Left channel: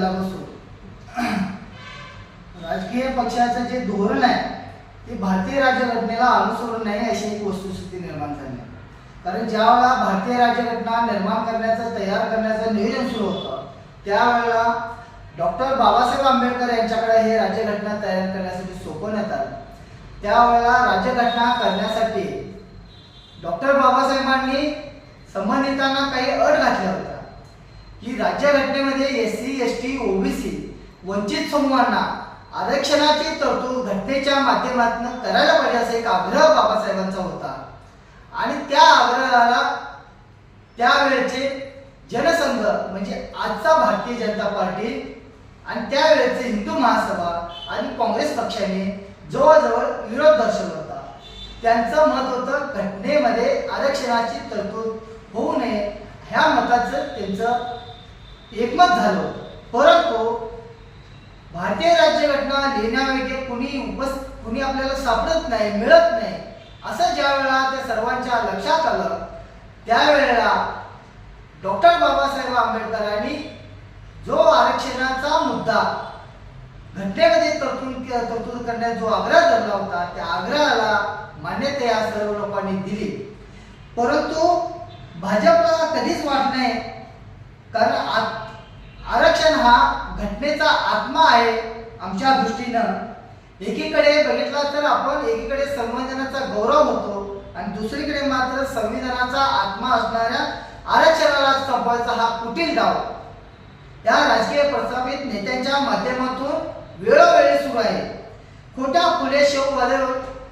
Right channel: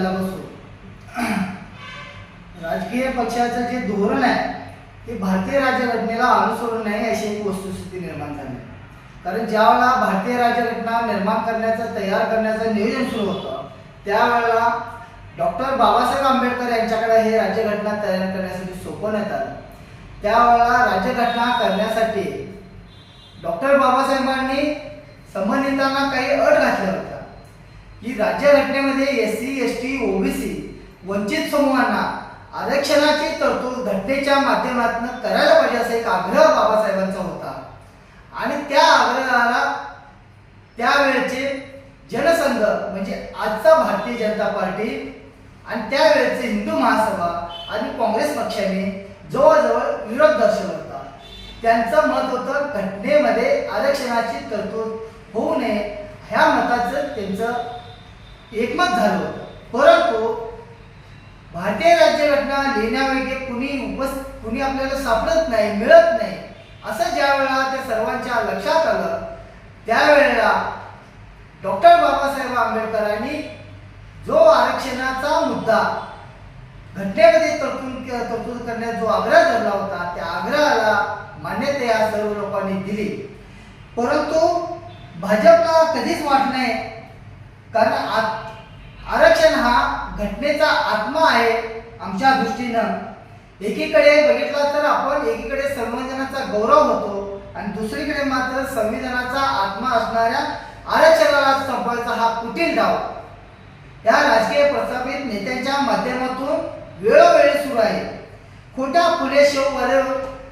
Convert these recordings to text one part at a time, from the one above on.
झाल्यापासून राजकीय पक्षाचं जे धोरण आहे ते भारतीय राज्यघटनेला अनुसरून नाही अशी एक वस्तुस्थिती निर्माण झाली. कारण ज्यावेळेला भारतीय राज्यघटना निर्माण करण्याचं तयार करण्याचं नियोजन सुरू होतं त्यावेळेला डॉक्टर बाबासाहेब आंबेडकर यांच्याकडे हे राज्यघटना तयार करण्यासाठी सोपवण्यात आलं त्यावेळेला राज्यघटना करण्यासाठी डॉक्टर बाबासाहेबांनी संबंधितांना काही अट घातल्या होत्या. की राज्यघटनेमध्ये S C S T OBC वंचित समूहांना आरक्षणाची तरतूद घटनेच्या माध्यमातून करायला पाहिजे असा एक आग्रह बाबासाहेबांचा होता. आणि त्या आग्रहाला त्यावेळेचे जनसंघ म्हणजे आजचा भारतीय जनता पार्टी आणि त्यावेळेचे हिंदू महासभा आणि काँग्रेस पक्षाने जवळजवळ विरोध दर्शवला. होता त्यांचं मत होतं घटनेमध्ये आरक्षणाची तरतूद होऊ नये. ह्या मताचं त्यांचं एकमत झालं होतं. परंतु भारतीय राज्यघटना लिहिण्यावेळी कुणी उपस कुणी आपल्याला सापडत नाही मिळत नाही असं ज्या वेळेला ते सर्वांच्या लक्षात आलं त्यावेळेला डॉक्टर बाबासाहेब आंबेडकरांनी जो आरक्षणाचा मुद्दा घटनेमध्ये तरतूद तरतूद करण्यात जो आग्रह धरला होता त्या आग्रहाला मान्यता या सर्व लोकांनी दिली. परंतु भाजपला कधीच वाट नाही. कारण आरक्षण हा घटनेचा आत्मा आहे आमच्या दृष्टीनं. एकीकडे बघितला तर आपण एकीकडे संविधानाचा गौरव होतो आणि दुसरीकडे मात्र संविधानाचा आत्मा असणाऱ्या आरक्षणाला संपवायचा हा कुटील डाव. या राजकीय प्रस्थापित नेत्यांच्या माध्यमातून वेळोवेळी सुरू आहे. खोट्या फुले शेववाले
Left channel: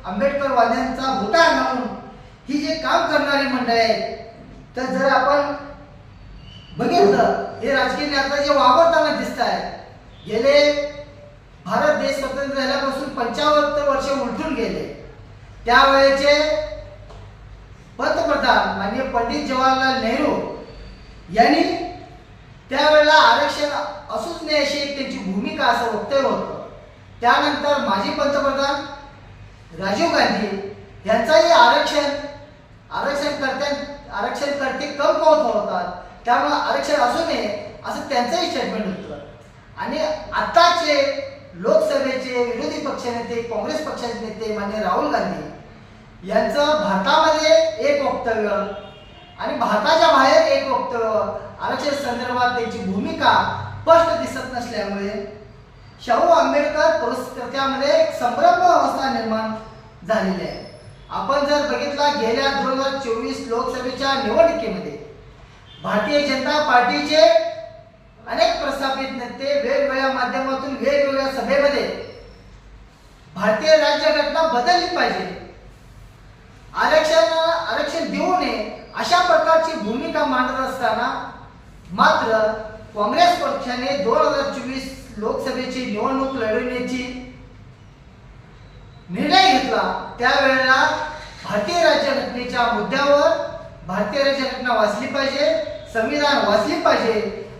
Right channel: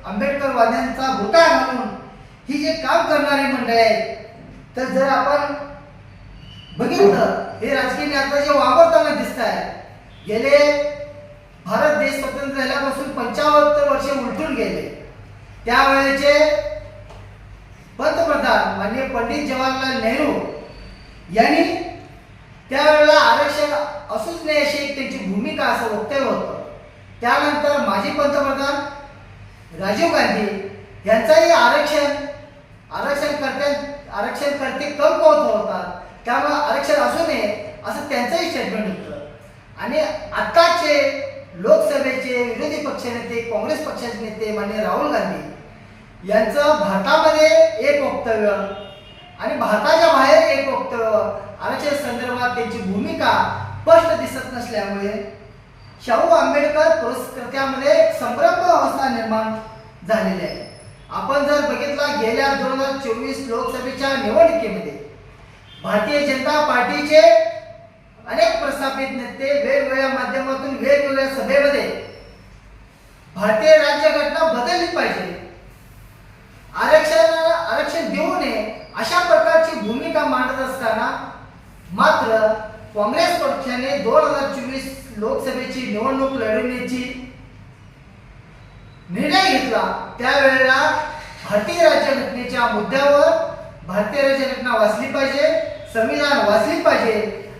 आंबेडकरवाद्यांचा घोटाळा घालून ही जे काम करणारी मंडळी आहेत तर जर आपण बघितलं? हे राजकीय नेता जे वावरताना दिसत आहे गेले भारत देश स्वतंत्र झाल्यापासून पंचावन्न वर्ष उलटून गेले. त्यावेळेचे पंतप्रधान माननीय पंडित जवाहरलाल नेहरू यांनी त्यावेळेला आरक्षण असूच नाही अशी एक त्यांची भूमिका असं वक्तव्य होतं. त्यानंतर माजी पंतप्रधान राजीव गांधी यांचाही आरक्षण आरक्षण करते आरक्षण करते कमकवत होतात. त्यामुळे आरक्षण असू नये असं त्यांचंही स्टेटमेंट होतं. आणि आत्ताचे लोकसभेचे विरोधी पक्षनेते काँग्रेस पक्षाचे नेते मान्य राहुल गांधी यांचं भारतामध्ये एक वक्तव्य आणि भारताच्या बाहेर एक वक्तव्य आरक्षण संदर्भात त्यांची भूमिका स्पष्ट दिसत नसल्यामुळे शाहू आंबेडकर पुरस्कृत्यामध्ये एक संभ्रम अवस्था निर्माण झालेली आहे. आपण जर बघितला गेल्या दोन हजार चोवीस लोकसभेच्या निवडणुकीमध्ये भारतीय जनता पार्टीचे अनेक प्रस्थापित नेते वेगवेगळ्या माध्यमातून वेगवेगळ्या सभेमध्ये भारतीय राज्यघटना बदलली पाहिजे. आरक्षण आरक्षण देऊ नये अशा प्रकारची भूमिका मांडत असताना मात्र काँग्रेस पक्षाने दोन हजार चोवीस लोकसभेची निवडणूक लढवण्याची निर्णय घेतला. त्यावेळेला भारतीय राज्यघटनेच्या मुद्द्यावर भारतीय राज्यघटना वाचली पाहिजे संविधान वाचली पाहिजे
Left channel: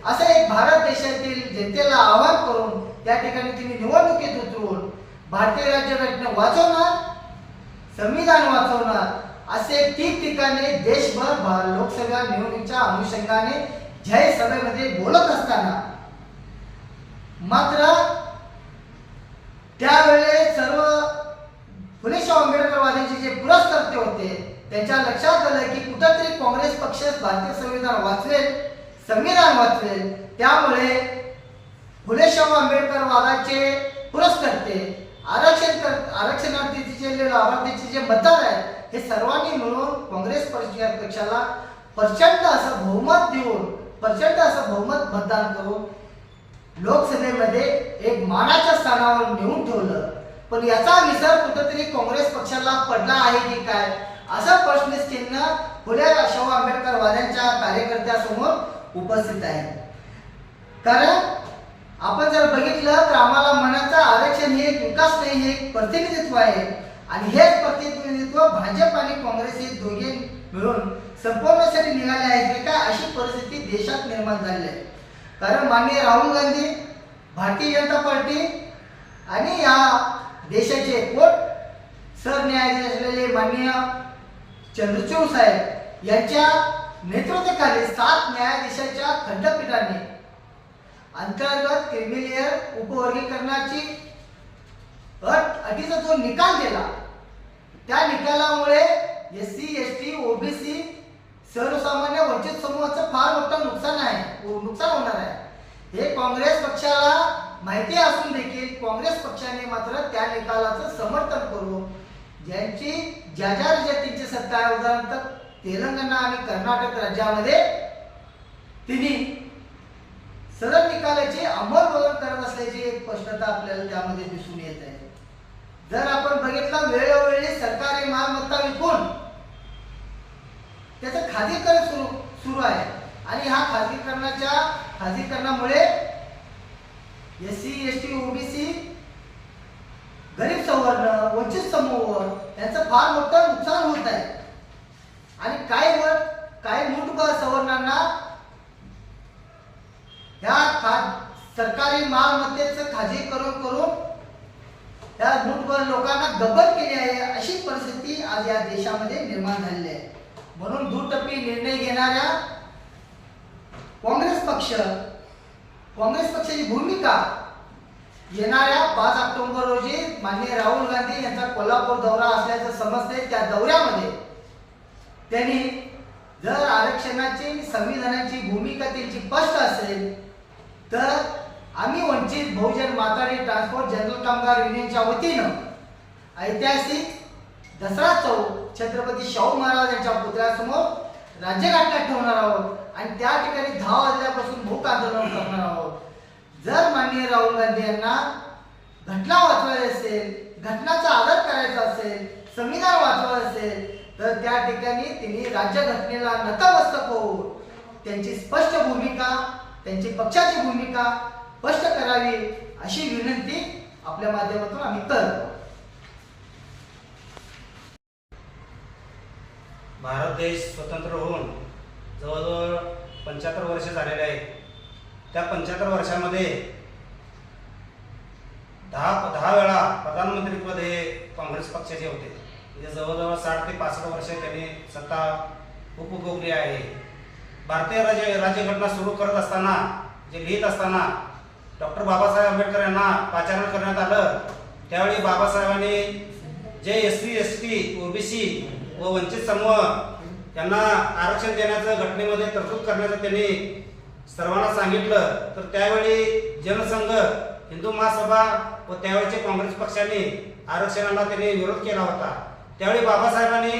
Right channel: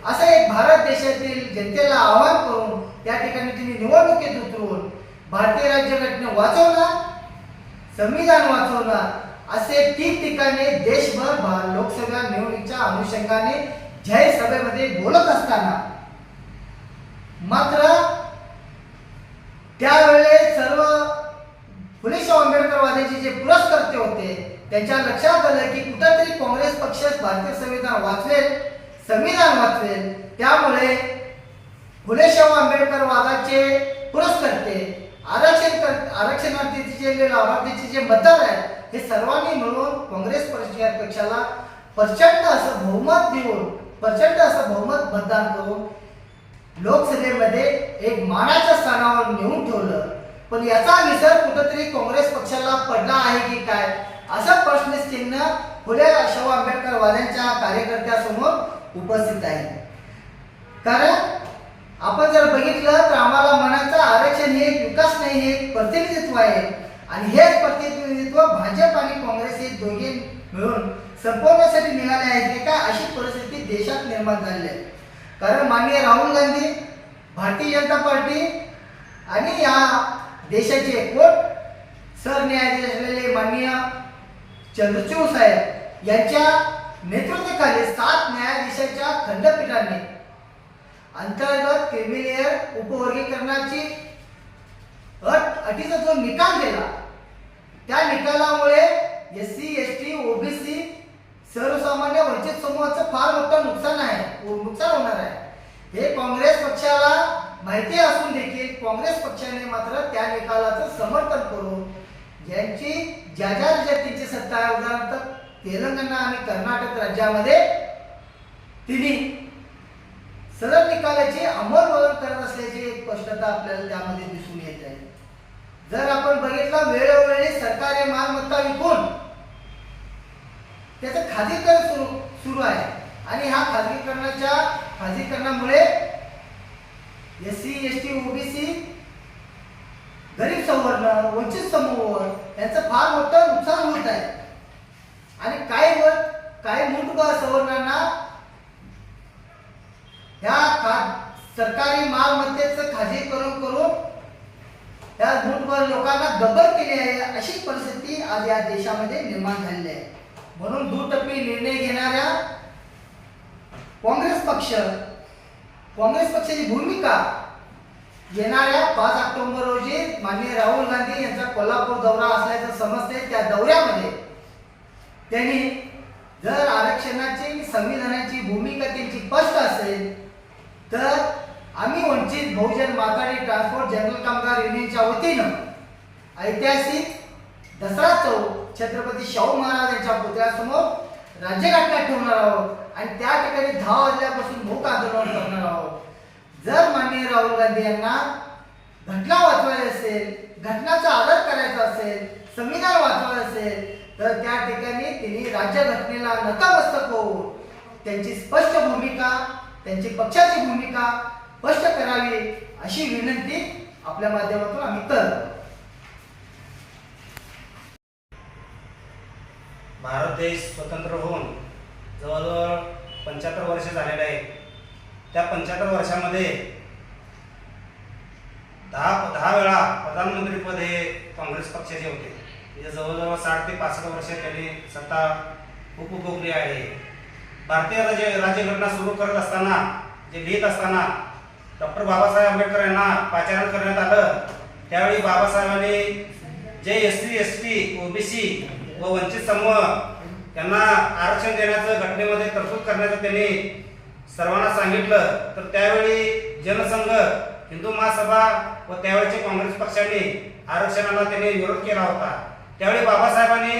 असं एक भारत देशातील जनतेला आवाहन करून त्या ठिकाणी तिने निवडणुकीत उतरून भारतीय राज्यघटना वाचवणार संविधान वाचवणार असे ठिकठिकाणी देशभर भा- लोकसभा निवडणुकीच्या अनुषंगाने जय सभेमध्ये बोलत असताना. मात्र त्यावेळेस सर्व फुले शाहू आंबेडकरवादीचे जे पुरस्कर्ते होते त्यांच्या लक्षात आलं की कुठंतरी काँग्रेस पक्ष भारतीय संविधान वाचवेल संविधान वाचवेल त्यामुळे फुले शाहू आंबेडकर वादाचे पुरस्कर्ते आरक्षण कर आरक्षणार्थीचे जे लाभार्थीचे जे मतदार आहेत हे सर्वांनी मिळून काँग्रेस पक्षाला प्रचंड असं बहुमत देऊन प्रचंड असं बहुमत मतदान करून लोकसभेमध्ये एक मानाच्या स्थानावर नेऊन ठेवलं. पण याचा विसर कुठंतरी काँग्रेस पक्षाला पडला आहे की काय? असा प्रश्नचिन्ह फुले शाहू आंबेडकर वाद्यांच्या कार्यकर्त्यासमोर उपस्थित आहे. कारण आपण जर बघितलं तर आम्हाला मनाचं आरक्षण हे एक विकास नाही हे एक प्रतिनिधित्व आहे. आणि हेच प्रतिनिधित्व भाजप आणि काँग्रेस हे दोघे मिळून संपवण्यासाठी निघाले आहेत हे काय अशी परिस्थिती देशात निर्माण झालेली आहे. कारण माननीय राहुल गांधी भारतीय जनता पार्टी आणि या देशाचे कोर्ट सरन्यायाधीश असलेले माननीय चंद्रचूड साहेब यांच्या नेतृत्वाखाली सात न्यायाधीशाच्या खंडपीठाने अंतर्गत क्रिमिलियर उपवर्गीकरणाची अट अटीचा जो निकाल दिला त्या निकालामुळे S C S T OBC सर्वसामान्य वंचित समूहाचं फार मोठं नुकसान आहे नुकसान होणार आहे. हे काँग्रेस पक्षाला माहिती असून देखील काँग्रेस पक्षाने मात्र त्या निकालाचं समर्थन करून ज्यांची ज्या ज्या राज्यात सत्ता आहे उदाहरणार्थ तेलंगणा आणि कर्नाटक राज्यामध्ये तिने सदर निकालाचे अंमलबजावण करत असल्याची एक स्पष्टता आपल्याला त्यामध्ये दिसून येत आहे. जर आपण बघितलं वेळोवेळी सरकारी मालमत्ता विकून त्याचं खाजगीकरण सुरू सुरू आहे. आणि हा खाजगीकरणाच्या खाजगीकरणामुळे S C S T OBC गरीब संवर्ण वंचित समूह यांचं फार मोठं नुकसान होत आहे. आणि काही वर काही मूठभर सवर्णांना ह्या खा सरकारी मालमत्तेचं खाजगीकरण करून त्या मुठभर लोकांना गबर केली आहे अशी परिस्थिती आज या देशामध्ये निर्माण झालेली आहे. म्हणून दुटप्पी निर्णय घेणाऱ्या काँग्रेस पक्ष काँग्रेस पक्षाची भूमिका येणाऱ्या पाच ऑक्टोबर रोजी माननीय राहुल गांधी यांचा कोल्हापूर दौरा असल्याचं समजते त्या दौऱ्यामध्ये त्यांनी जर आरक्षणाची संविधानाची भूमिका त्यांची स्पष्ट असेल तर आम्ही वंचित बहुजन माथाडी ट्रान्सपोर्ट जनरल कामगार युनियनच्या वतीनं ऐतिहासिक दसरा चौक छत्रपती शाहू महाराज यांच्या पुतळ्यासमोर राज्यघाटला ठेवणार आहोत आणि त्या ठिकाणी दहा वाजल्यापासून भूक आंदोलन करणार आहोत. जर माननीय राहुल गांधी यांना घटना वाचवायची असेल घटनाचा आदर करायचा असेल संविधान वाचवायचं असेल तर त्या ठिकाणी त्यांनी राज्यघटनेला नतमस्तक होऊन त्यांची स्पष्ट भूमिका त्यांची पक्षाची भूमिका स्पष्ट करावी अशी विनंती आपल्या माध्यमातून आम्ही करतो. भारत देश स्वतंत्र होऊन जवळजवळ पंच्याहत्तर वर्ष झालेले आहेत. त्या पंच्याहत्तर वर्षामध्ये दहा दहा वेळा प्रधानमंत्रीपद हे काँग्रेस पक्षाचे होते. म्हणजे जवळजवळ साठ ते पासष्ट वर्ष त्यांनी सत्ता उपभोगली आहे. भारतीय राज्य राज्यघटना सुरू करत असताना जे लिहित असताना डॉक्टर बाबासाहेब आंबेडकर यांना पाचारण करण्यात आलं. त्यावेळी बाबासाहेबांनी जे S C S T OBC व वंचित समूह यांना आरक्षण देण्याचं घटनेमध्ये तरतूद करण्याचं त्यांनी सर्वांना सांगितलं तर त्यावेळी जनसंघ हिंदू महासभा व त्यावेळेचे काँग्रेस पक्षाने आरक्षणाला त्यांनी विरोध केला होता. त्यावेळी बाबासाहेबांनी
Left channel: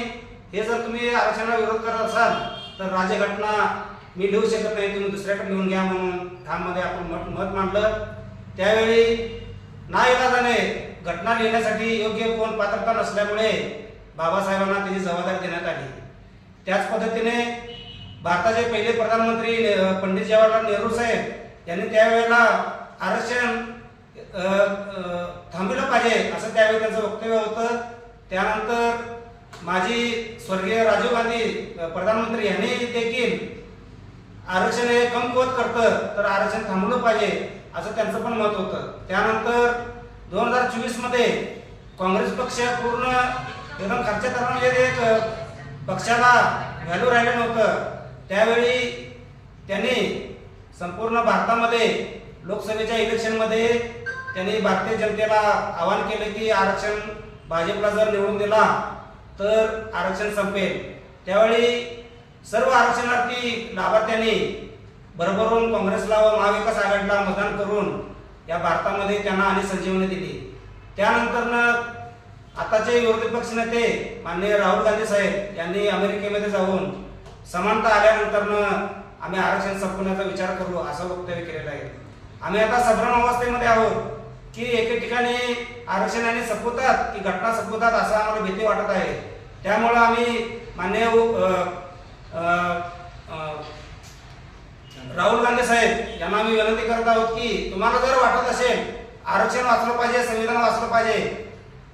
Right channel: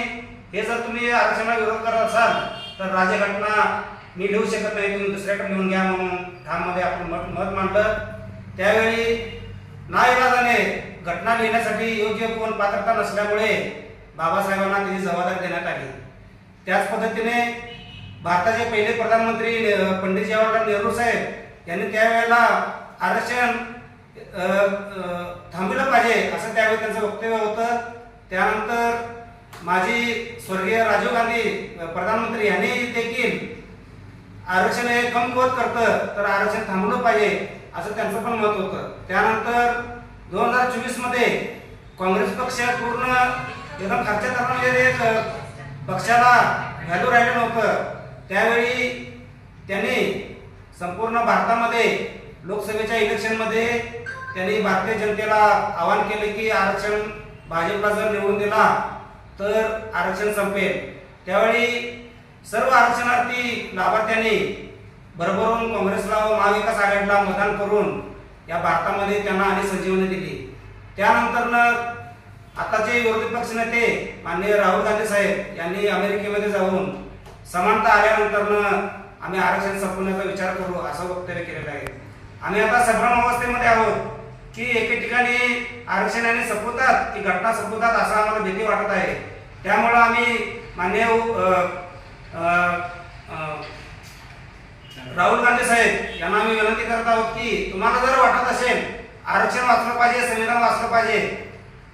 हे जर तुम्ही आरक्षणाला विरोध करत असाल तर राज्यघटना मी लिहू शकत नाही तुम्ही दुसऱ्याकडे लिहून घ्या म्हणून ठाममध्ये आपण मत मत मांडलं. त्यावेळी नाईलाजाने घटना लिहिण्यासाठी योग्य कोण पात्रता नसल्यामुळे बाबासाहेबांना त्याची जबाबदारी देण्यात आली. त्याच पद्धतीने भारताचे पहिले प्रधानमंत्री पंडित जवाहरलाल नेहरू साहेब यांनी त्यावेळेला आरक्षण थांबलं थांबवलं पाहिजे असं त्यावेळी त्यांचं वक्तव्य होतं. त्यानंतर माजी स्वर्गीय राजीव गांधी प्रधानमंत्री यांनी देखील आरक्षण हे कमकुवत करतं तर आरक्षण थांबवलं पाहिजे असं त्यांचं पण मत होतं. त्यानंतर दोन हजार चोवीसमध्ये काँग्रेस पक्ष पूर्ण एकदम खर्च म्हणजे एक पक्षाला व्हॅल्यू राहिलं नव्हतं. त्यावेळी त्यांनी संपूर्ण भारतामध्ये लोकसभेच्या इलेक्शनमध्ये त्यांनी भारतीय जनतेला आवाहन केले की आरक्षण भाजपला जर निवडून दिला तर आरक्षण संपेल. त्यावेळी सर्व आरक्षणार्थी लाभार्थ्यांनी भरभरून काँग्रेसला व महाविकास आघाडीला मतदान करून या भारतामध्ये त्यांना आणि संजीवनी दिली. त्यानंतरनं आताचे विरोधी पक्ष नेते माननीय राहुल गांधी साहेब यांनी अमेरिकेमध्ये जाऊन समानता आल्यानंतरनं आम्ही आरक्षण संपवण्याचा विचार करू असं वक्तव्य केलेलं आहे. आम्ही आता संभ्रम अवस्थेमध्ये आहोत की एके ठिकाणी आरक्षणाने संपवतात की घटना संपवतात असं आम्हाला भीती वाटत आहे. त्यामुळं आम्ही मान्य राहुल गांधी साहेब यांना आम्ही विनंती करत आहोत की तुम्हाला जर वाटत असेल आरक्षण वाचलं पाहिजे संविधान वाचलं पाहिजे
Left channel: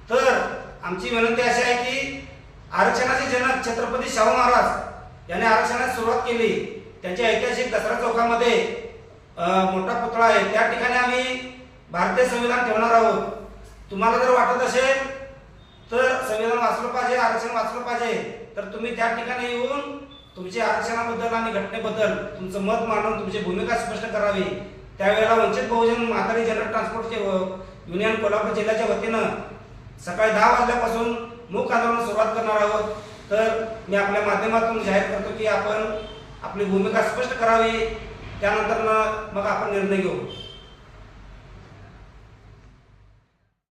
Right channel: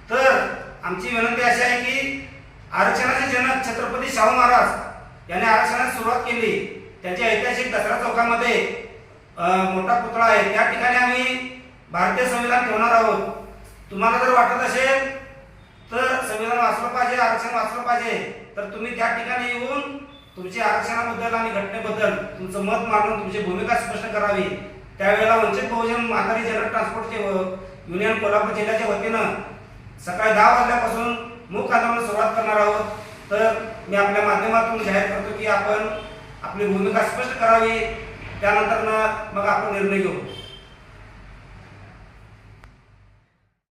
तर आमची विनंती अशी आहे की आरक्षणाचे जनक छत्रपती शाहू महाराज याने आरक्षणास सुरुवात केली. त्यांच्या ऐतिहासिक दसरा चौकामध्ये मोठा पुतळा आहे. त्या ठिकाणी आम्ही भारतीय संविधान ठेवणार आहोत. तुम्हाला जर वाटत असेल तर संविधान वाचलं पाहिजे आरक्षण वाचलं पाहिजे तर तुम्ही त्या ठिकाणी येऊन तुमच्या आरक्षणाबद्दल आणि घटनेबद्दल तुमचं मत मांडून तुमची भूमिका स्पष्ट करावी. त्यावेळेला वंचित बहुजन म्हातारी जनरल ट्रान्सपोर्टचे युनियन कोल्हापूर जिल्ह्याच्या वतीनं सकाळी दहा वाजल्यापासून मूक आंदोलन सुरुवात करणार आहोत. तर मी आपल्या माध्यमातून जाहीर करतो की आपण आपली भूमिका स्पष्ट करावी. त्यानंतर मग आपण निर्णय घेऊ.